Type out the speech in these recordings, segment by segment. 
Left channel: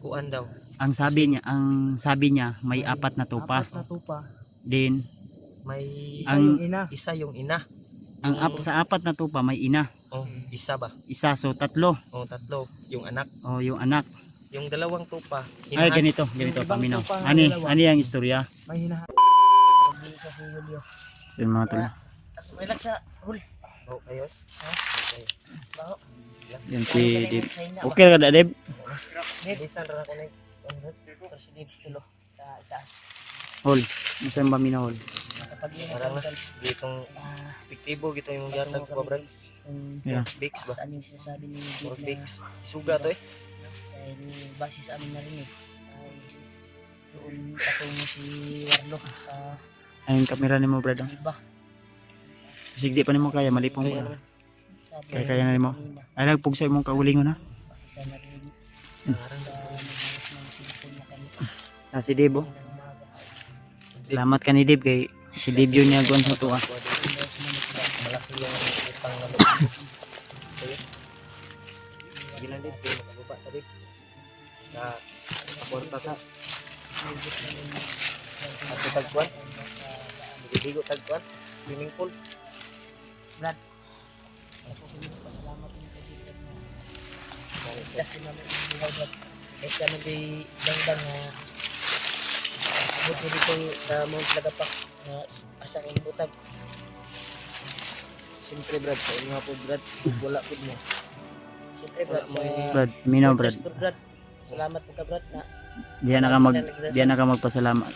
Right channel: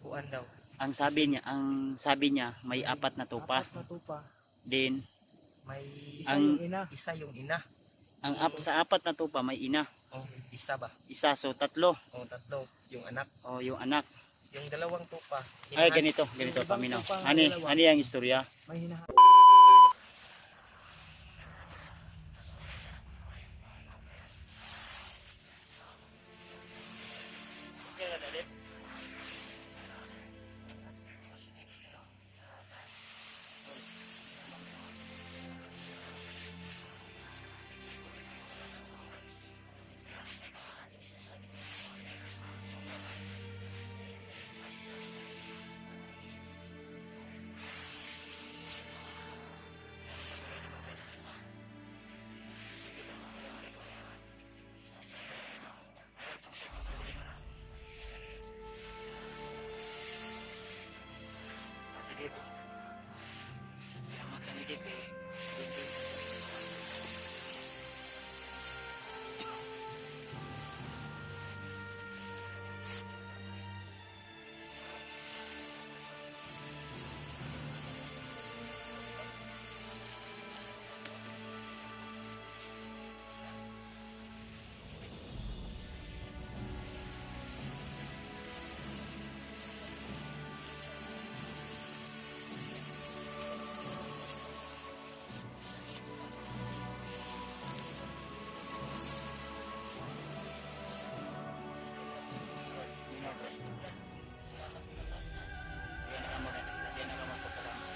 kuan daw. Ang sabi niya may apat na tupa. Apat na tupa. Din May Isa Ang- yung ina. isa yung ina. sa apat na tupa may ina. Oh, isa ba? Isa, so tatlo. Oh, tatlo. Yung anak. O yung anak. Yung dalawang tupa. Ay Inahan. ganito Yung ibang paminaw. tupa, Ani dalawa. ani ang istorya. May hinahanap. Isa si Julio. Yung mga tol. May lagsa. Hul. Oh, ayos. Baho. Yan si Dib. Okay ra kada Dib? Bisan ra ko na. President tulo. Taas. Hol. Isa yung paminaw hol. Kapag yun. Parang ditong fiktibo gito yung jarmo ko, brad. Yeah. Bigs ba? Saan yung sinasabi ni Or Dave na bigs. Suga to eh. dahil base sa aming narinig ay doon patungo si Warlo sa Ayun kamera nimo brad. iba. Sig di pa nimo kaya malipong Kaya ko. naman. Kaya kaya na nimo. Ay nagpug sa imong kaulingon ha. Sa narinig sa nagsisikon na kami. Si Dib oh. Salamat ka ni Dib kay si Dib yun niya guwan sa tuwa. Malaki yung utang na loob. Bilang din, lupa tadi. Na, porta ka. Ako tagpuan. Bigo tagpuan. Swimming pool. Brad. Eh kami di dangdang na buti dito sa Mount Lagapak na asang butag. Siyempre brad, sa inyo po brad. Wala po mo. Siyempre Brad sa Brad, minaw brad. Brad. Salamat po ka Brad na Diyan na ka magpasalamat.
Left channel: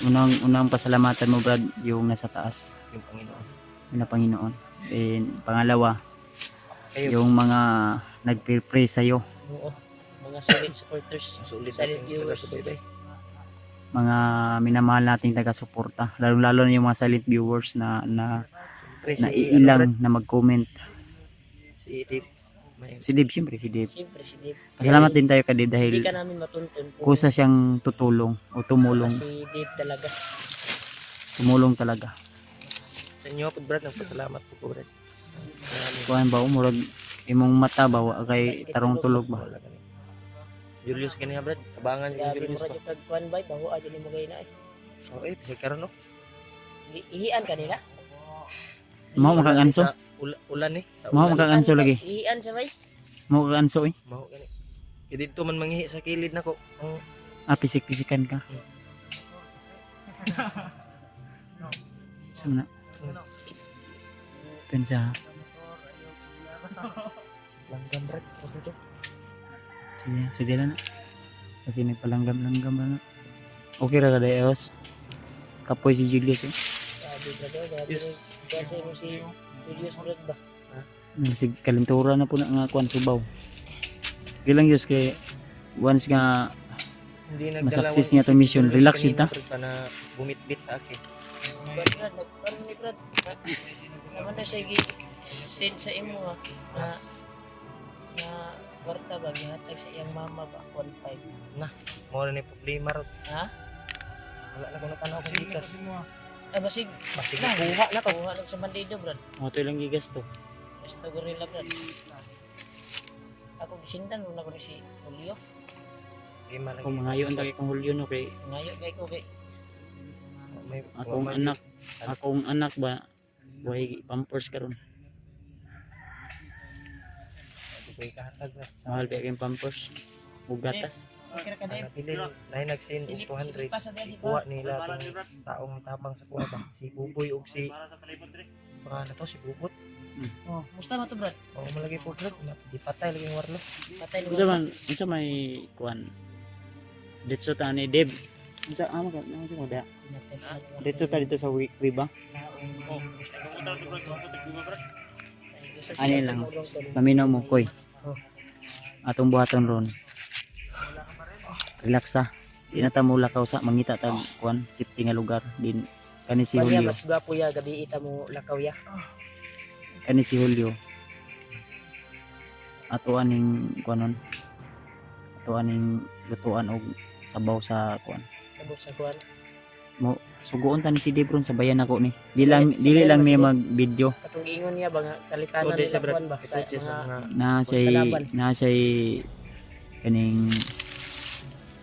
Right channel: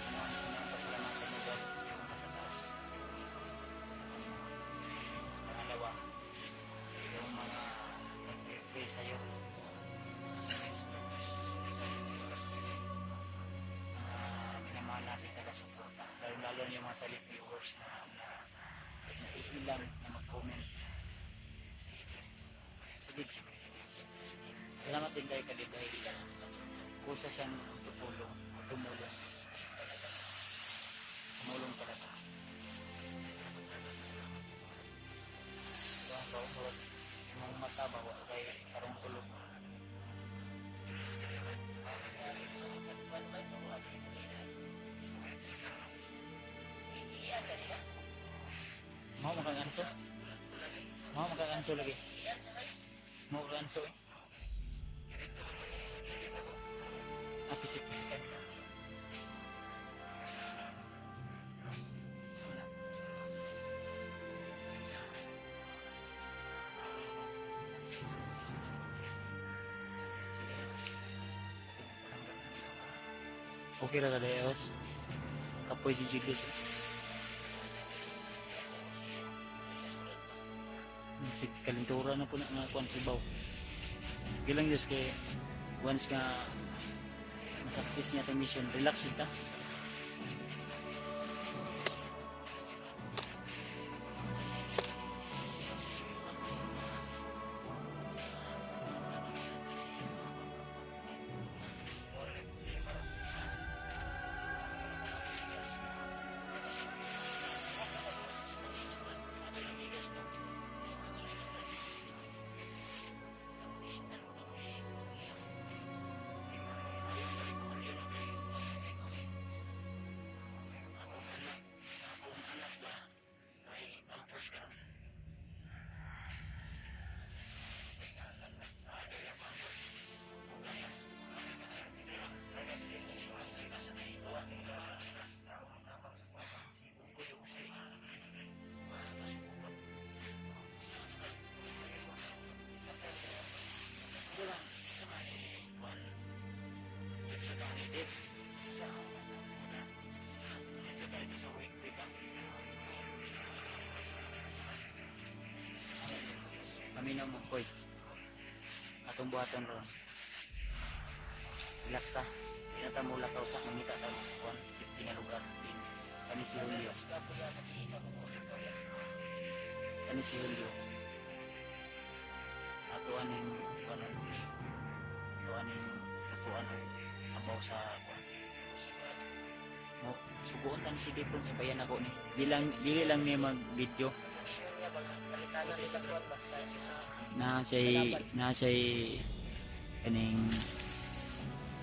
Unang pasalamatan mo brad yung nasa taas, Yung Panginoon. yung na Panginoon. And pangalawa, Kayo. yung mga nagpe-pray sa iyo, oo, mga solid supporters, Sulit solid ang viewers. taga-subaybay. mga minamahal nating taga-suporta, lalo na yung mga silent viewers na Pre, na si, ilang na mag-comment. si Dave. May- Si Dib, siyempre si Dib. Siyempre si Dave. Salamat din tayo kay Dib Hindi dahil ka namin matuntun kung kusa siyang tutulong o tumulong si Dave talaga. talaga. Sa inyo po brad, nagpasalamat po brad. Maraming Kuan ba umurag imong mata ba wa kay tarong tulog ba? wala ka na. Julius kaniya brad, abangan yung Grabe Julius mo pa. radyo pagkuhan ba? Baho adyo ni mo gay na eh. Oh, eh, may karon no. Ihian kanila? Mao makang anso? Sa ulan eh. Sa Mao ulan. makang anso lagi. Ihian siya bay? Mao kang anso eh. Mao gani. Kaya dito man mangihi sa kilid nako. Ang Pisik-pisikan ka. Sumna. Pensa. langgam brad. Sige lang na. Kasi may palanggam-langgam ba na. Okay ra kada Eos. Kapoy si Julius eh. Grabe brad, grabe. Yes. Kasi mo si Julius Brad ba? Sig kalintura na po na nga kuan subaw. Gilang Diyos kay once nga Hindi Masaksis niya itong mission. Relax kanina, ita. brad, pa na bumitbit sa akin. Brad, nagkaroon ni Brad. Naman na siya send sa imo ha, na kwarta ba, ginatag sa iyang mama ba, 1.5. Mo na ni problema ro. Ha? Wala na kuno panahon kung bikas. Ay, basig. Basig Na, kuha na to. kuha lang sa Mandido, Brad. mo to ilang gigas to. Basta gorilla, Brad. Ako gisindan mo na ko ni si Julio. Lima lang. Kung mangayo ang kong Hulyo no kay Ngayon kay ko kay May akong anak ba way pampers karon. May kahatag na. Mahal kay kay pampers. Ug gatas. kira ka Ana dai. pili na nag-send og 200. pa sa dali Kuha pa. nila tong taong tapang sa kuha ba. Si Buboy ug si baka na to si Bubot. Oh, musta mo to, Brad? O malagi po brad. Ipatay lagi yung warlo. Patay ni Unsa man unsa may kuan. Ditso ta ni Deb. Unsa amo ka unsa mo da? Ditso ta dito sa Wiba. Ani lang. Paminaw mo koy. Atong buhaton ron. Relax ta. Di na ta mo lakaw sa mangita ta kuan safety nga lugar din kani si Julio. Julio. Mas gwapo ya gabi ita mo lakaw ya. Kani si Julio. Ato aning kuanon. Ato aning lutuan og sabaw sa kuan. Sabog sa kuan. Mo suguon ta ni si Debron sa bayan ako ni. Dili lang niya mag-video. Katong ingon niya ba nga kalikanan O di nila sa brad. kuan ba? Sa Ito sa mga mga Na say kaning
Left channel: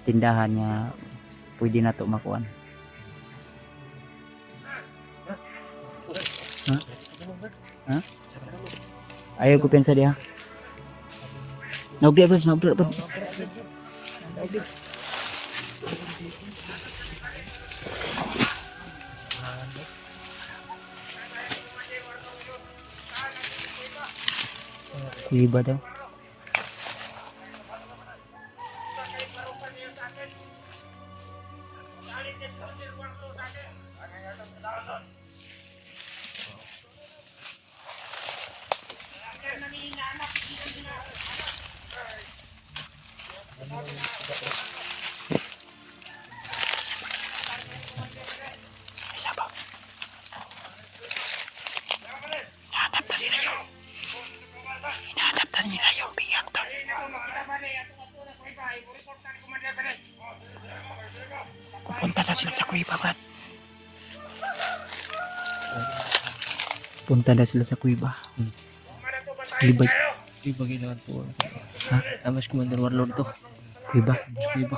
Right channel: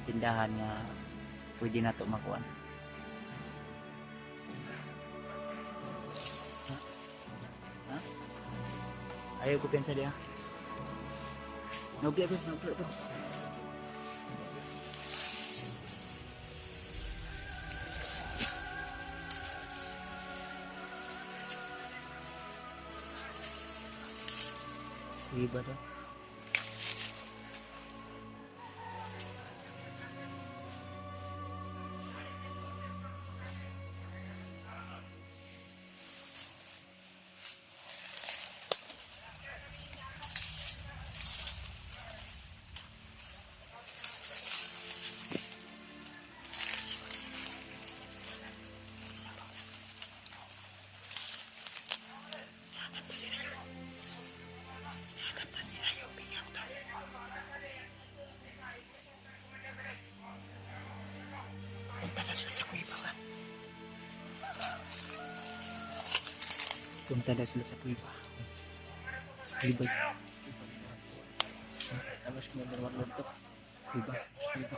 tindahan nga pwede na to makuan. Ha? Ha? Ayaw ko pensa diha. Naugdi bro, naugdi bro. Kuiba daw. Punta na sila sa kuiba, Brad. Punta na sila sa kuiba. Kuiba. Kuiba ginawa to. Ha? Tamas Commander Warlord to. Kuiba. Kuiba.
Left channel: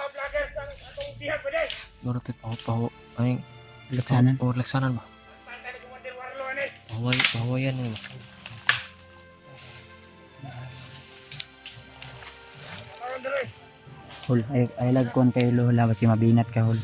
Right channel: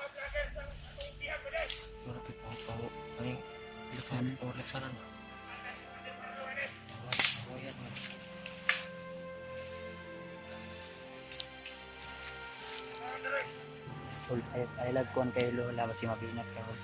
Loro to paho. Ay, Laksanan. laksanan ba? Bahaway yan eh. Hol, ay lagkon kayo lola kasi mabinat ka hol.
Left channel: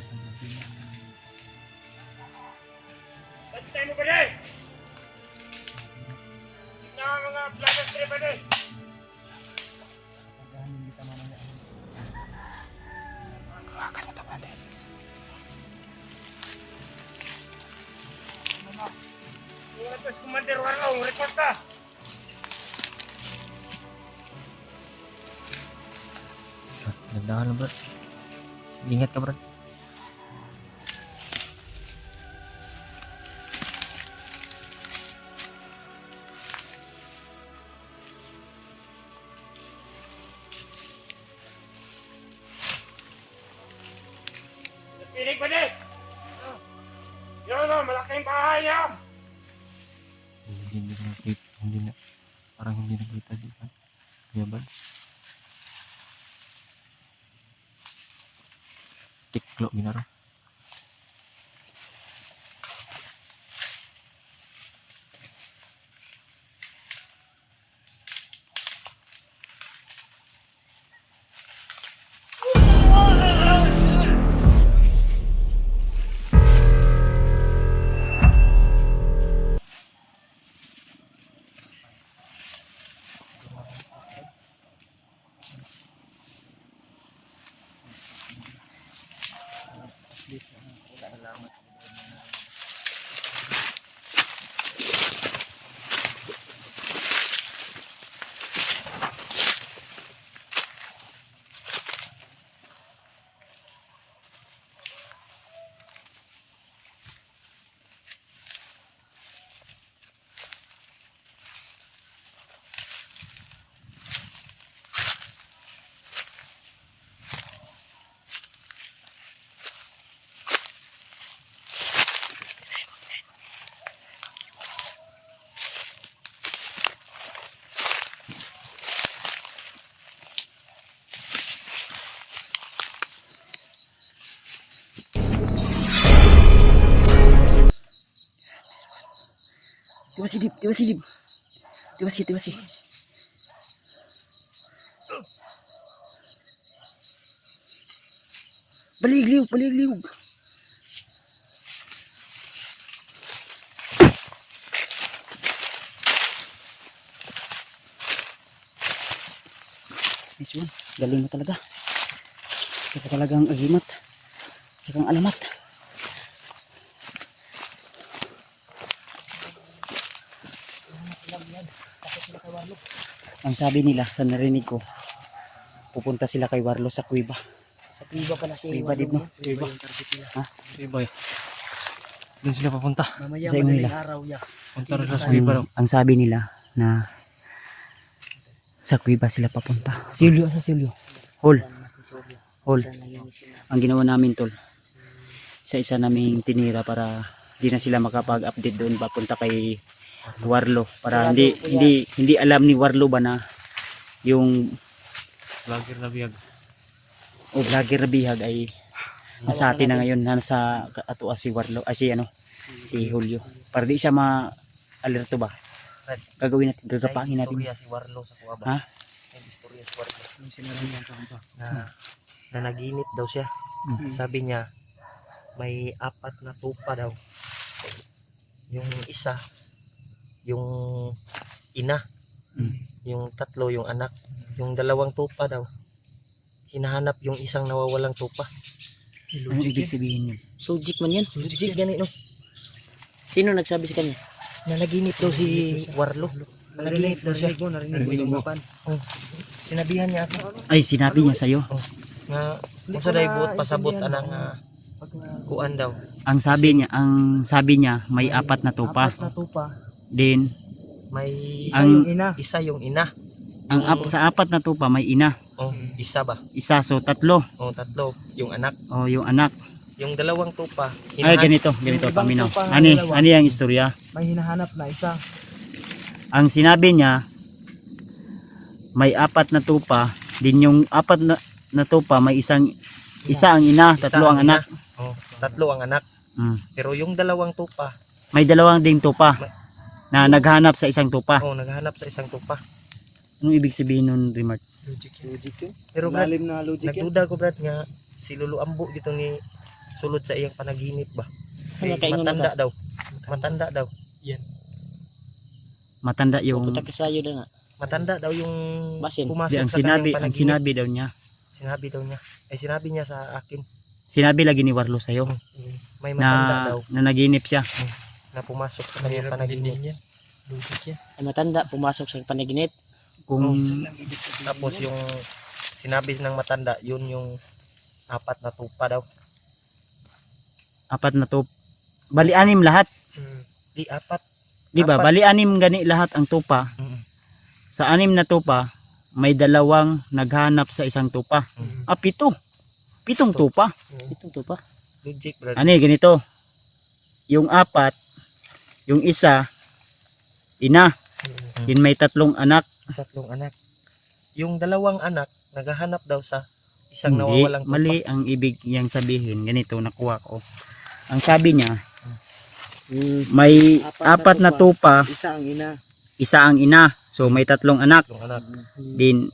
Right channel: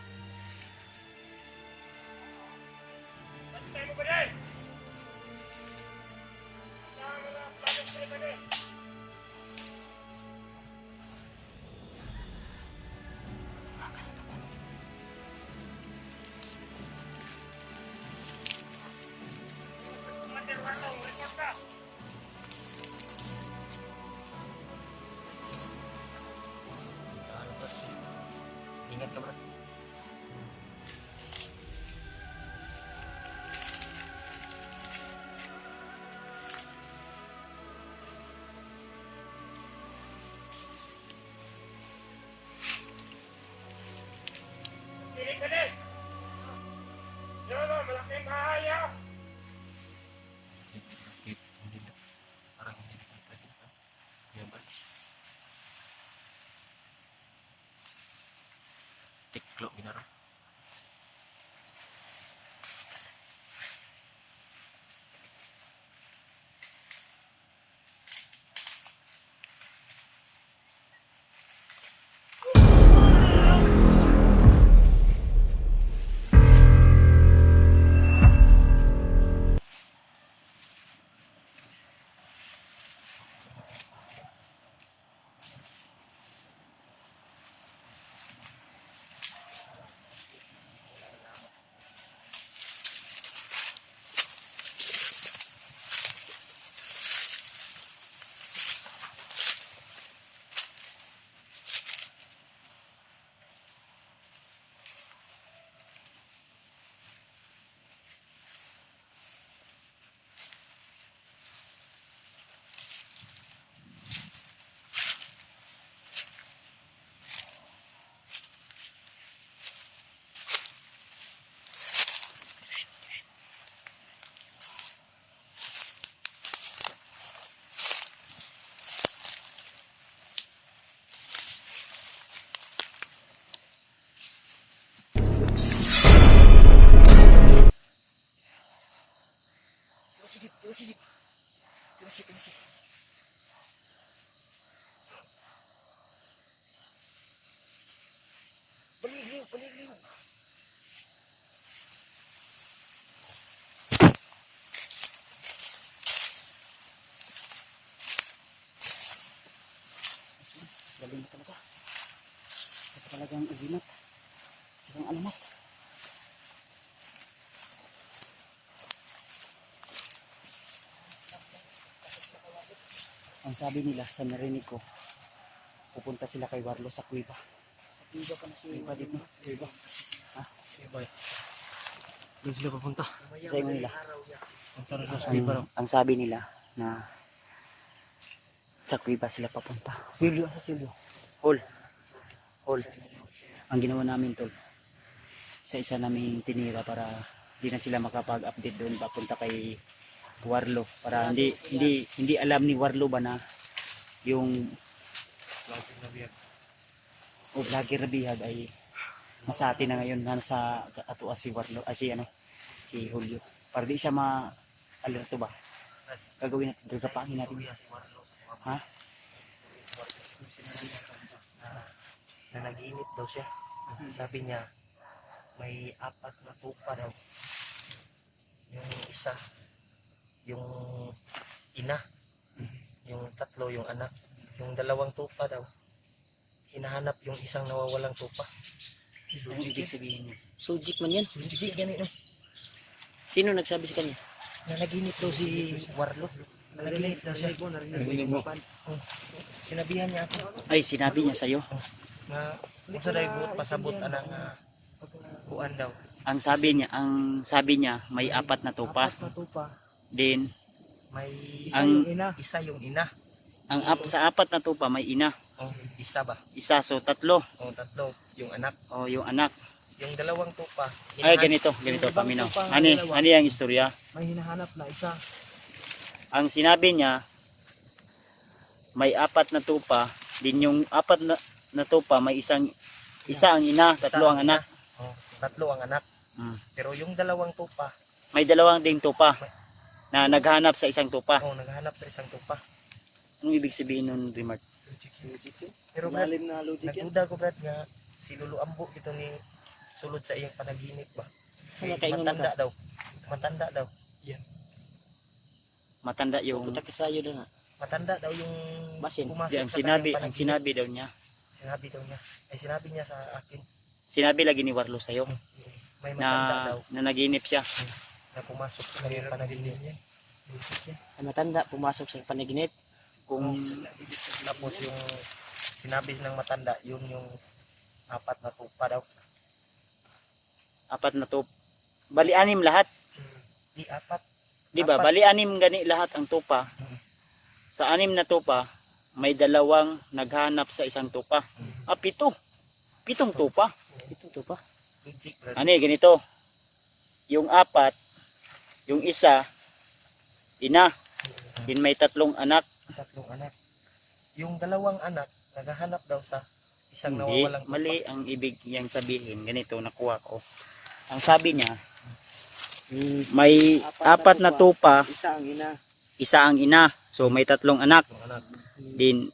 Commander Warlong, report ka. Ganda lang, Brad. Ingat ka, Brad. Pinig pa din. Yun o, malaking bahay niya. Hindi nakita, parang hindi nakita dito. Kaya ba? Tiklo ginaro. Tiba si. Baligliw. Nice one. Galing mo talaga. Isa ka talagang agimat. Isa kang alamat. Ang sabi nila sa narinig ko, pupunta sila kay Warlo sa kuiba. Sa Kuiba pala si Kuiba din no? Kuiba. Ha? Kuiba. Doon sila papunta. Mamaya Sa inyo nila. araw ya. Punta rin sa Kuiba raw. Ang sabi nila na sa kuiba sila papunta. Silyo. Hol. Ang ginawa namin tol. Isa naming tinira para di na sila makapag-update doon papunta kay Warlo para hindi alam ni Warlo ba na yung Vlogger na biyag. o vlogger na bihag ay nasa atin na ngayon, na nasa ato si Warlo, si si Julio. Para di siya ma-alerto ba? Gagawin natin, gagapangin natin. Istorya si Warlo sa kuha ba? Ha? May istorya si Warlo. Na naginip daw siya. Sabi niya, may 4 na tupa daw. Yung isa, yung ina. Yung 3, yung anak. Yung 2 tupa daw. Hinahanap yung isang nawawalang tupa. Ano ibig sabihin yun? Logic man yan. Legit ganito. Sino nagsabi sa kanya? Na naginip daw si Warlo. Naginip daw siya. Sinabihan niya ako. Ay, sinabi niya sa'yo. Nga, kung sa dahi buot pasabot anang kuan daw. Ang sabi niya, may 4 na tupa. Din, May ang, isa yung ina. sa 4 na tupa, may ina. Oh, isa ba? Isa, so 3. Oh, 3 yung anak. O, yung anak. Yung 2 tupa. Ay, ganito paminaw. Ano yung istorya? May hinahanap na isa. Ang sinabi niya, may 4 na tupa. Din yung 4 na tupa, may isa ang ina, 3 ang anak. Oh, 3 ang anak. Pero yung 2 tupa, May 2 ding tupa na naghanap sa isang tupa. oh, naghahanap sa isang tupa. Anong ibig sabihin nun, Remark? Logic yun. Pero Brad, Malalim na logic yan. nagduda ko Brad nga si Lolo Ambo dito ni sulod sa iyang panaginip ba. Ano, kaingon Matanda daw. Matanda daw. Matanda yung... Kita kasayo na nga. Matanda daw yung Basin. pumasok Ang sa sinabi, kanyang ang panaginip. sinabi daw niya. Sinabi daw niya. Ay sinabi niya sa akin. Sinabi lagi ni Warlo sa'yo May matanda daw na naginip siya. na pumasok sa kanyang panaginip. Ang matanda pumasok sa panaginip. Kung Tapos yung sinabi ng matanda, yun yung 4 na tupa daw. 4 na tupa. Bali 6 lahat. Di 4. Di ba? Apat. Bali 6 gani lahat ang tupa. Sa 6 na tupa, may 2 naghanap sa isang tupa. 7. 7 tupa. Ito to pa. Logic brad. Ano ganito? Yung 4, yung isa, ina. Din may 3 anak. 3 anak. Yung 2 anak naghahanap daw sa isang Hindi, nawawalang tupa. mali ang ibig niyang sabihin. Ganito, nakuha ko. Ang sabi niya, may 4 na tupa, Isa ang ina. isa ang ina. So may 3 anak. 3 anak. Din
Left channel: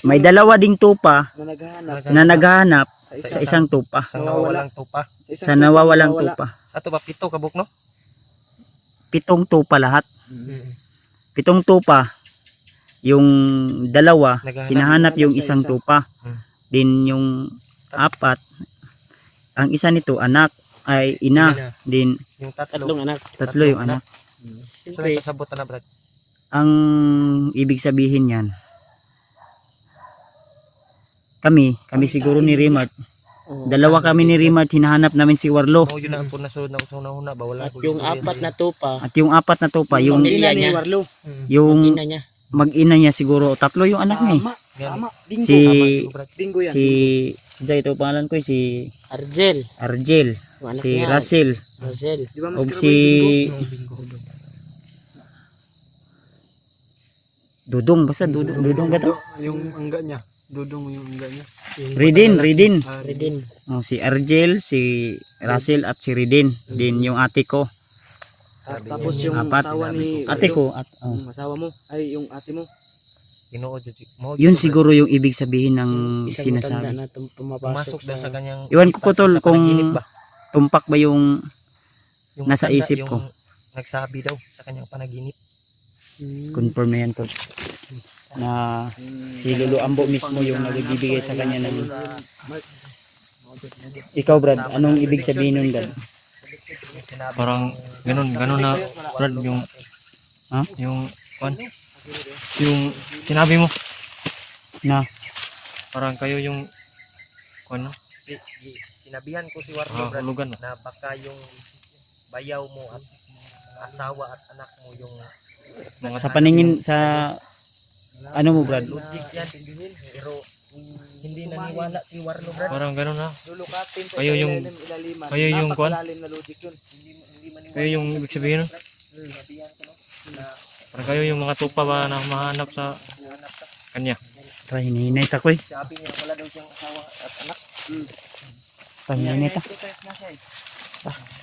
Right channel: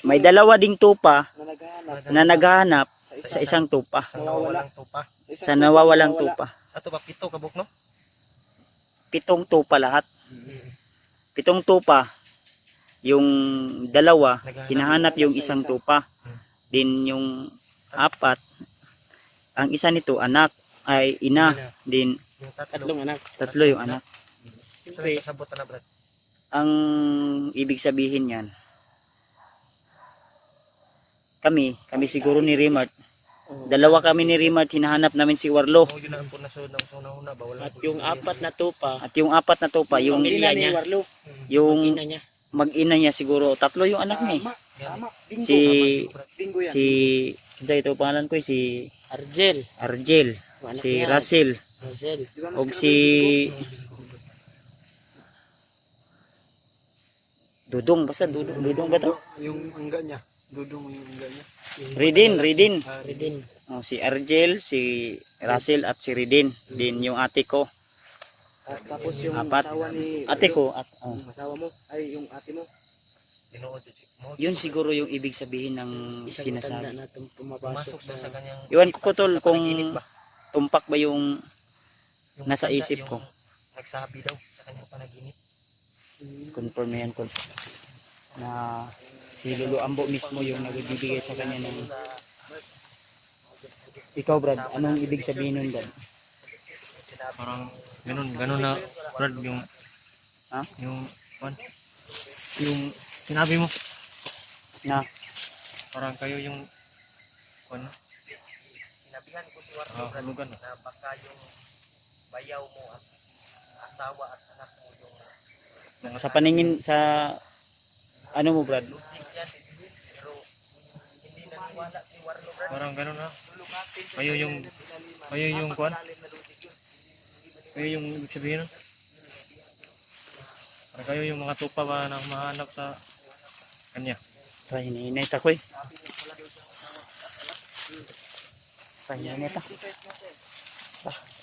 may 2 ding tupa Na naghahanap na naghahanap sa sa isang tupa. Isang nawawalang tupa. Sa nawawalang tupa. Sa to ba 7 kabuk no? 7 tupa lahat. 7 tupa. Yung 2 hinahanap yung isang tupa. Din yung 4, ang isa nito anak ay ina. Din Yung 3. tatlong anak. 3 yung anak. So may pasabot na brad. Ang ibig sabihin yan, kami siguro ni Rimat, dalawa kami ni Rimat, hinahanap namin si Warlo. Oh, yun na po nasunod na una ba wala At ko yung istorya 4 na tupa. At yung 4 na tupa, yung Ina ni Warlo. yung Ina niya. mag-ina niya siguro, 3 yung anak niya. Tama. Bingo. Si Bingo yan. si ito pangalan ko si Argel. Argel, Yung anak si niya. Russell, Argel. og si Dudong, basta Dudong ba to? Yung angga niya. Dudong yung angga niya. Ridin. Redin. Oh, si Argel, si Russell at si Ridin. Din yung ate ko. At tapos yung 4. asawa ni Ate ko at Yung asawa mo. Ay, yung ate mo. Ginoo jud mo. yun siguro yung ibig sabihin ng Isang matanda sinasabi. na pumasok pumapasok daw sa kanyang Iwan ko isipan, tol sa kung panaginip ba? tumpak ba yung Yung nasa matanda, isip yung ko. nagsabi daw sa kanyang panaginip. confirm na yan tol. Na si Lolo Ambo mismo yung nagbibigay sa kanya ng... Ikaw Brad, anong ibig sabihin nun Brad? Parang ganun na Brad yung Ha? yung yung sinabi mo Na parang kayo yung ano Sinabihan ko si Warlo Brad, hulugan na baka yung bayaw mo at asawa at anak mo yung mga sa paningin sa ano mo Brad? logic yan, pero hindi naniwala si Warlo Brad. parang ganun na Lulukatin sa Kayo yung- ilaliman. kayo yung kwan? Napakalalim na logic yun. kayo yung ibig sabihin nun? Parang kayo yung mga tupa ba na mahanap sa kanya Pahininit ako eh. Sabi niya wala daw siyang asawa at anak. Pahininit ah. Sacrifice na siya eh.